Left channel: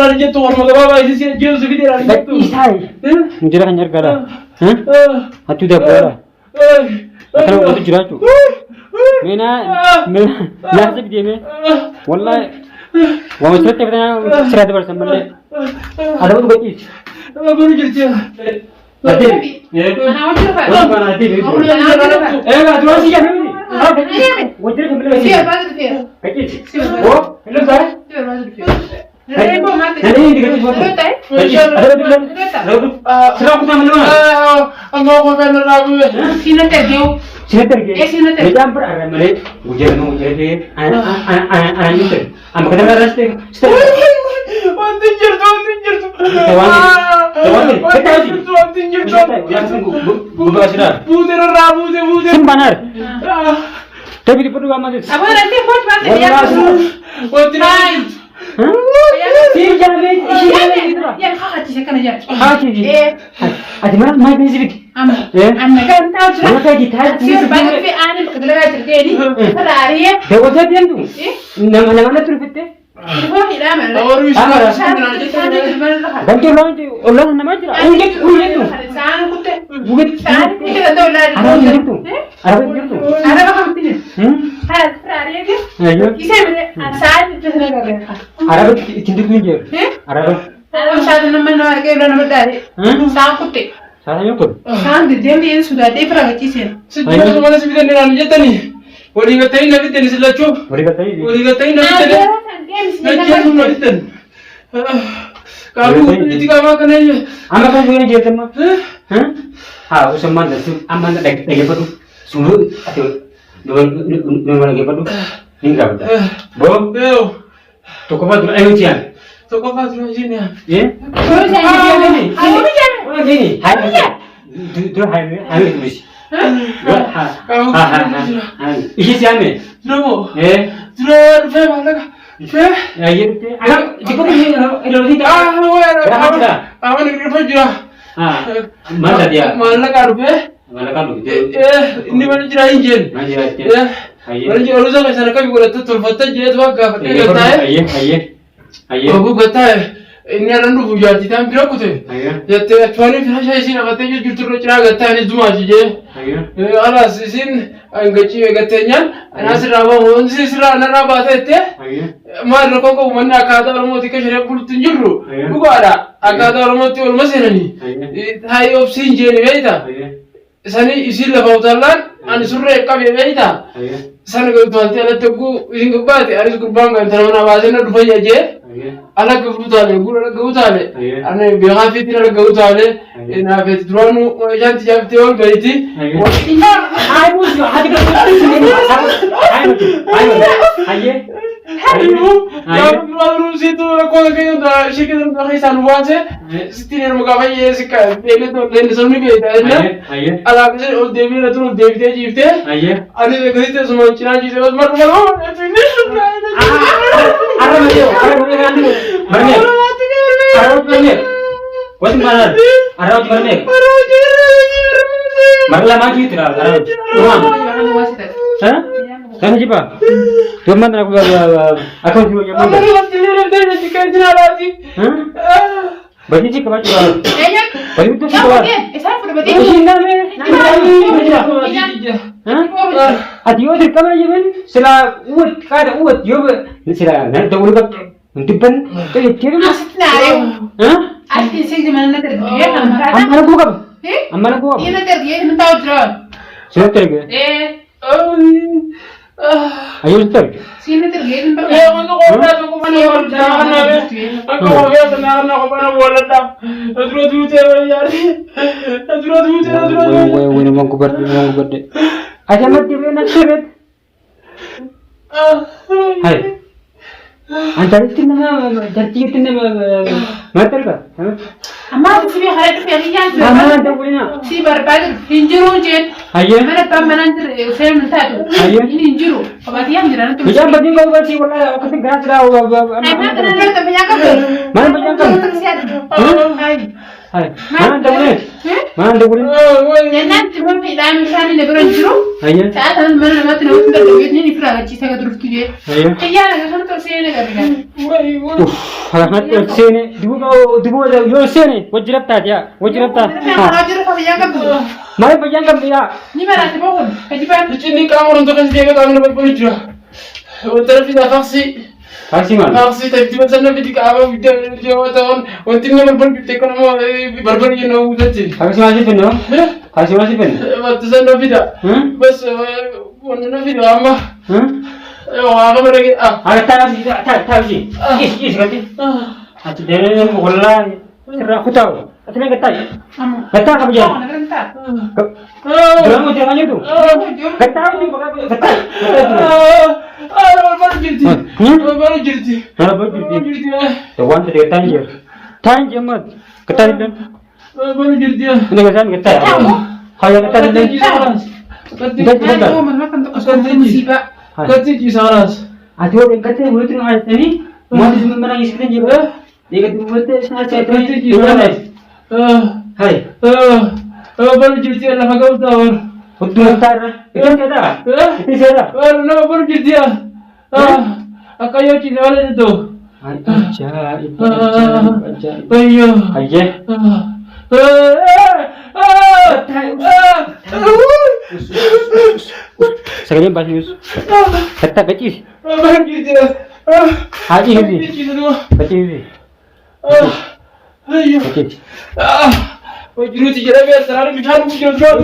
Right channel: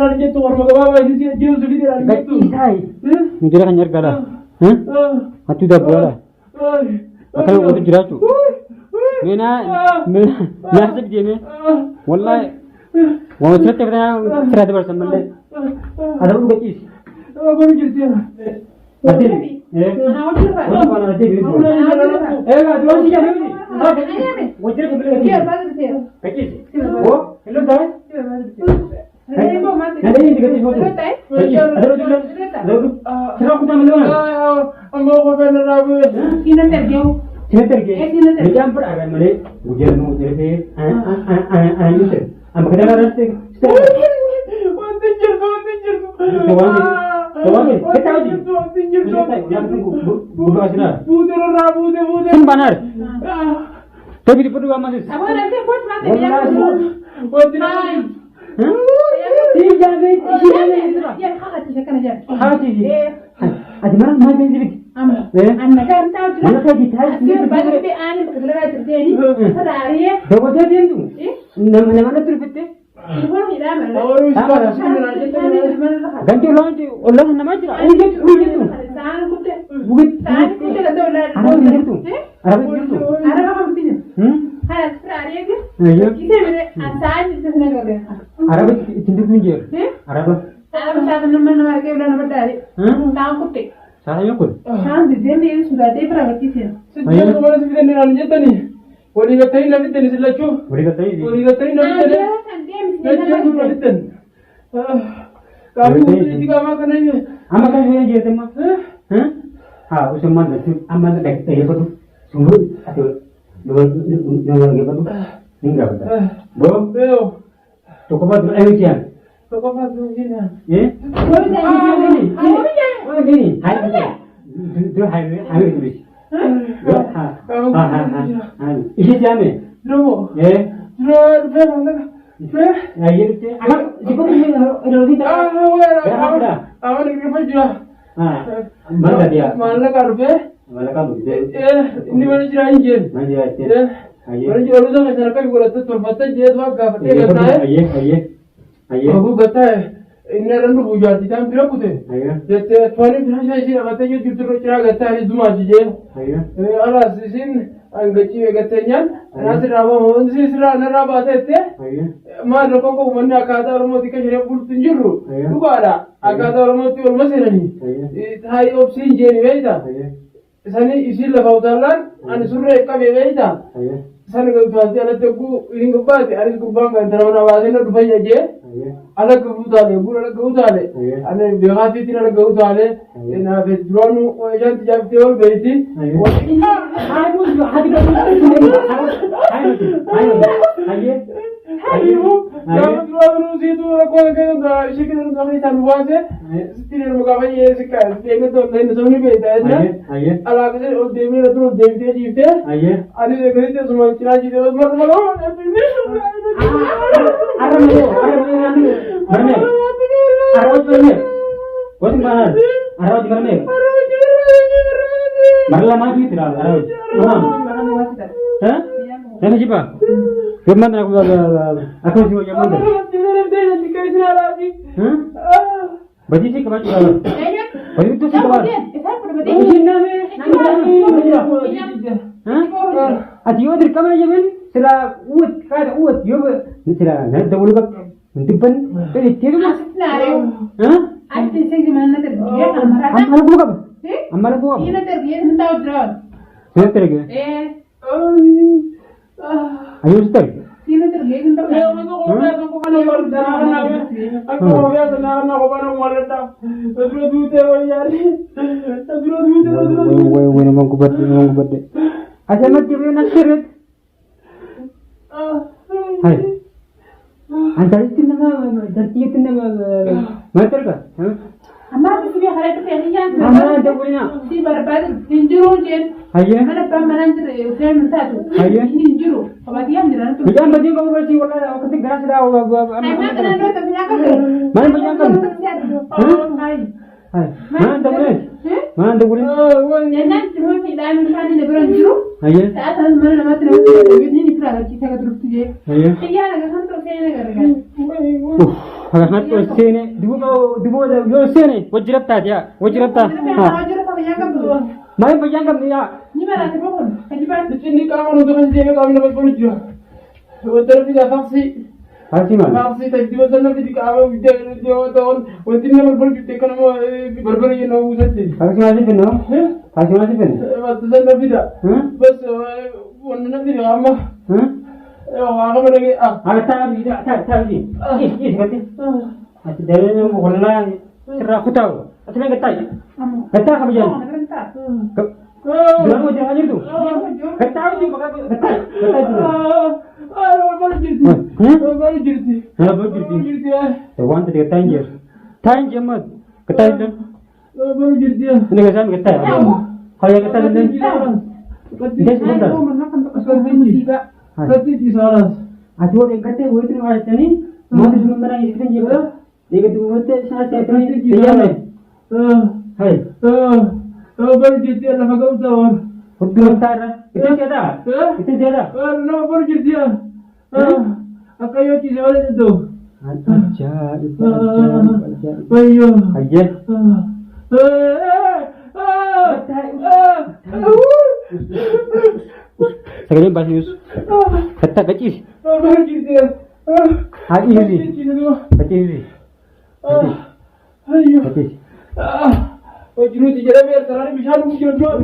lalu jatuh orang maga baba isi jauh segitu lalu jatuh. Isai. Menjadi kan nyergala. Hati dah bola. Akan waktu jerat tu. Mena nasib dia me. Wallah. Wah macam tu kita serat bersama mana. Ada pun bagi. Baru jadi. Nanti. Mana nanti. Enggak, cuma sih kan ini. Wajar kembali. Siapa tu dia? Kecil. Oh, hello saya. Nanti dikasih foto. Ada bilang. Serang kita meluang. Angkau kau benar lagu. Sini terjauh. Sini terjadi. Dia campur ada malik. Ujar dia. Anak itu. Am kita nak rasa. Tinggal tu. Kita lagi. Tinggal tu. Yang sungguh. Buka sudah. Buder. Simpanar. Tapi di perlu amat. Apa nanti buat apa? Buder. Si jalan itu lah. Ya, kau hati sekarang aja. Hati. Ada mana? Mai besi bit. Anak kan tahu sudah. Mana kayak gitar? Siapa tapi anak bekerja terjadi. Ada hari ya. Dewa saya diam tu. Nama tu betul. Ibu ni lama. Orang Islam Ganti orang nama je lah. Ujet tu. Sana kutte. Ujet. Sana kutte ada orang. Arab ujet tu. Ada apa kamu ini? Hari ya. Ayo. Isai mana? Sana itu sana kerja. Arab cinta tu je. Arab. Orang sana nama nama kerja nama dari. Sana kutte. Sana yang pun. Sana di dia ni sudah ada perang kecil. Sejauh mana sih kita ni lalu jatuh ni? Wali katain nabi tadi selalu. Boleh kata ini. Wali katain nabi tadi. Nabi nabi tadi. Kamu ini tiga makan aja. Amak kan punya je teman. Usah mana tu? Amak nak lagi apa tu? Sungguh atau dua lagi apa tu? Hingga betul. Bo. Toko apa tu? Ayo cian. Toko apa tu sini ya? Baru saya Ini. Ini. Hai. Tu hai tulis. Kamu. Ini siapa? Dulu. Dulu fe mana ka? Fe? Ya itu. Anak jika tu ini tak. Awan negeri fe juga. Mana dia? Mana ka rupe? Mana kan begitu? Ini mana jira injen? Mana dia? Mana jira lu sama sana kami gula tu tulfata je tu agak pakai kata Ayah. Aku kata ini orang tu buat kita ambil aku tu. Jadi tuan ini flash aja sih, apa tu jual terus cakap kata ini cuma aja. Alas sin angkat cium katanya, anas rawa mohon sih sila anak rawa tu. Mar lokong kau mana kata orang mau tiket saya puluh tunjuru. Bukan ada, kata orang mau tu orang masih ni. Hai opsi je ni beita. Sani isi lah bautalan, ane surre kabe beita. Sana kau tuan tiada tu ku ini kebat, aris kurban kan, terus mana wajahnya dua aja. Anak kebutuhan, guru anak kebutuhan. Anak biang api tidak kebutuhan. Anak api drone, jangan tiap tiap beriti. Hai bos, hati Ayo, lalu situ aku lagi udah sikit udah kisah aja. Setelah mau kau ya sekarang, ini tu lain semua ni ada. Alah, kasi old Devi na tu Devi dia jifte. Ani de kerja semua Cina jifte, mas mar mar. Ini Arab mana? Wajib mana? Arab mana? Marla maju tu lah Arab. Kan siapa? Tuan aku cuma yang mana? Bagi sih kebat juga. Bagi itu sih kebat. Sini Adi orang kamera je ben. Sila uat kada uat yo sila nak dahulu kat untipan. Jadi kira mas. Asli sih di mana terjadi? Amar aku kab. Amar aku kab. Ini terjadi mentau drone. Sini terjadi. Ayo terjadi. Sini terjadi mentau. Aku kau mana orang jangan nabe. Aku kau biasa nak aku mana orang tak. Terus tu cewek. Woi nama aku berde. Aja mati nak seret. Hai. Antar itu nama jadi itu nama mater ka? Amma tu sih hari tu hari yang. Amma ada bolehnya. Si berbagai hinjuru je. Ayah. Mana pemanan film satu. Ayah. Ini hinjuru. Apa dia yang tu? Bijak bagi kau kasi wala kasi gerak dah. Mana tu banyak kan? Mana banyak kan? Hai. Hai. Mana ada boleh? ما عندك ولا Jangan cuma film misalnya lebaran juru. هيا Saat mana mati nak kita duit ni firaga cita ke terus tujuh. هيا Iya, nak kan sih ni kan. اوف هذا ما تسيني دبو يو سيني وجربتها يا وجربتها Kalau juru kau yang kamu. ما يبغى ينقل يا Ni mana tu pun. Kajian. Ini kamu untuk kasih dia kamu dapat berjuang. Wanti fi faksi. هاي مال Faksi tapi tiba sana fi kamu video tahun. Wanti nomor berjuang kamu berber you know jadi. هاي ماشي فين هاي ماشي فين Waktu sana video. Bas wanti video amma. Aku berlagi هاي تاوشي ايش قلتي هتدري والله ترى ختاو أتمنى قطعي قطع كبير جرام وجرام يدو قطع ودي بقى قطع baru jadi. Baru jadi. ها بجدي توان تدي تانجر مات قطع لين Baru jadi. ini kesan قطع هاي قطع لين Aku mana kan tu kau musibah. Kati kisaras. أتوقع إن قطع ويترون على الثاني ما تسمع من أي شيء جيبه dia kata mata sangat cantik hai baru jadi Allah kau tahu. betul betul itu siapa itu siapa Baru jadi akayo cina wala itu. ajaib Ayo. aja sekalian bahas kata kecil Baru jadi. haji ini kecil ini Ayo. kecil Wajuru tijara biar terari bicara sini jawab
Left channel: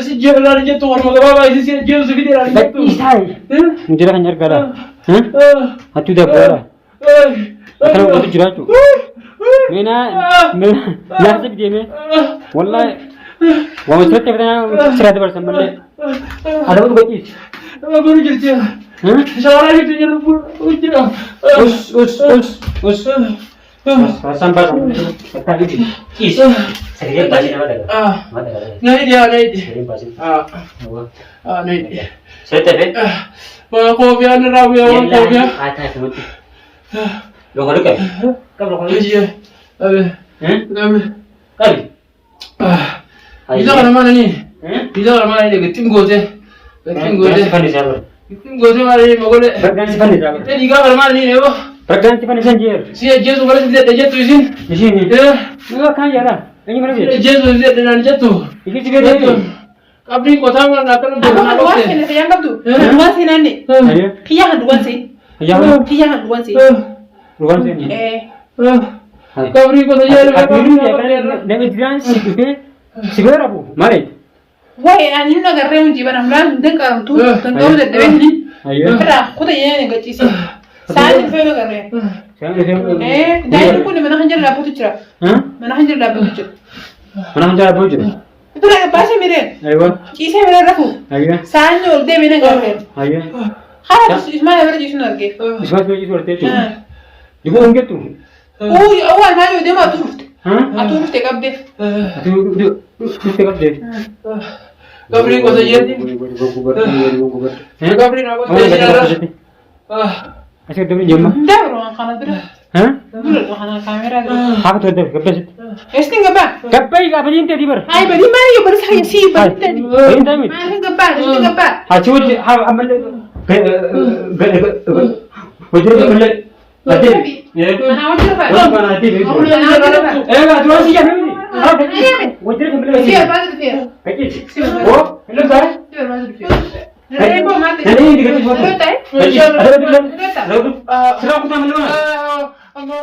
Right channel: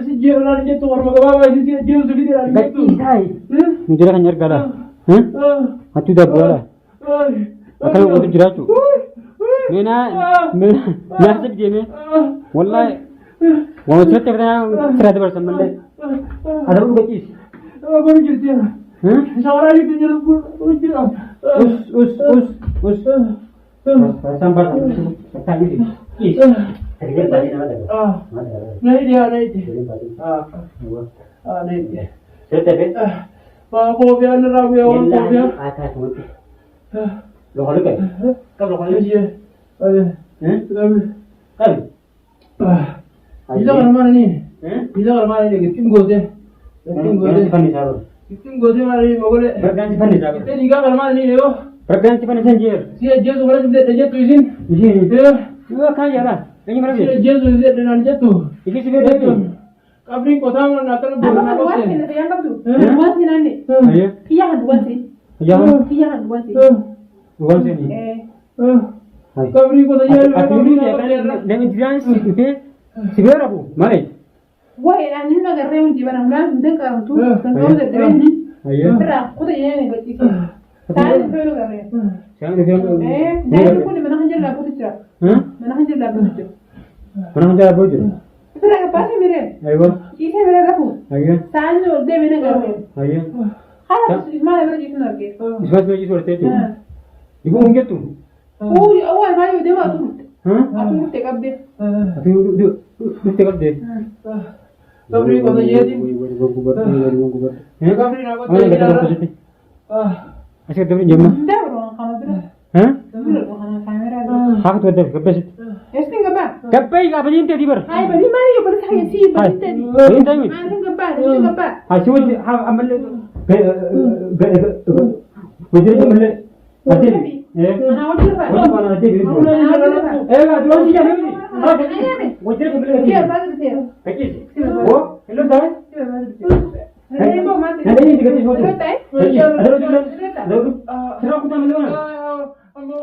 si jauh lari jatuh orang magababa isi si jauh segitu lari jatuh. kecil saya menjadi hanyar kala hati dah bola akan waktu jerat tu mena nasib dia me wallah wah serat kita serat bersama le ada pun kecil Baru jadi. Seorang itu jadi ujung. us sampai kata ini is serius bahasa mana Naik dia. serius bahasa Naik dia. saya tebe Kau biar nerawi orang kau biar. ada sebut lo kalau kan kalau kalau Iya. kali Bisa ke mana ni? Bisa ke mana ni? Ketim gote. Ketim gote. Ketim gote mana ni? Mogole. berganti pan itu Jadi kau ke mana ni? Nebo. berganti pan sanjir Si Yesus orang tidak ada jatuh sini. di sini enggak kaya lah ini mana dia Yesus tidak ada jatuh. ini juga dia Kabri kota mana nak kena Aku buat dua apa? sih ni yang kamu. Dua sih nani. ayo Kian dua sih. ayo Kian dua sih. ruang sini Kabri kota jadi. aku ini ya kan dan itu sih segera bu mari Wah, ani nak kerja di barang barang dengan tu, dengan tu dah ni. ayo Kerja, aku dah yang gaji sih. Saya ni faham kerja. saya dia Dah aku ni mana hanjar lah putu cerah. Mana hanjar lah putu cerah. mana hantar bojo Itu lah pasal miren. ayo Kisah miren aku. ayo Saya ni orang mana kerja. ayo Harus ismail berarti ismail lagi. ismat bagi sorte tu juga enggak tu Oh, awal mana dia mah tu. Atu mesti kabde. itu tegap deh Kabri kota jadi. Kabri nak kota jadi. Asal tu ni jema. Dah orang kana tu. Dulu kana kamera tu. Aku tu ada kapes. Esti ngapa? Kapes apa ni tadi ber? Hai, bagi mana you bersaya sih tadi. Ini tadi. Mana ngapa? Acu amal wajib amal. Ada. Mana wajib apa? Mana ada. Enggak tuan sih kan ni. Wajib amal. Siapa baru tu? Kecil. Oh, hello dah. Siapa baru tu? Rebo mati. Ada ni dekat situ. Ada Ada tu. Ada tu. Serang aku tak malu. Ang mga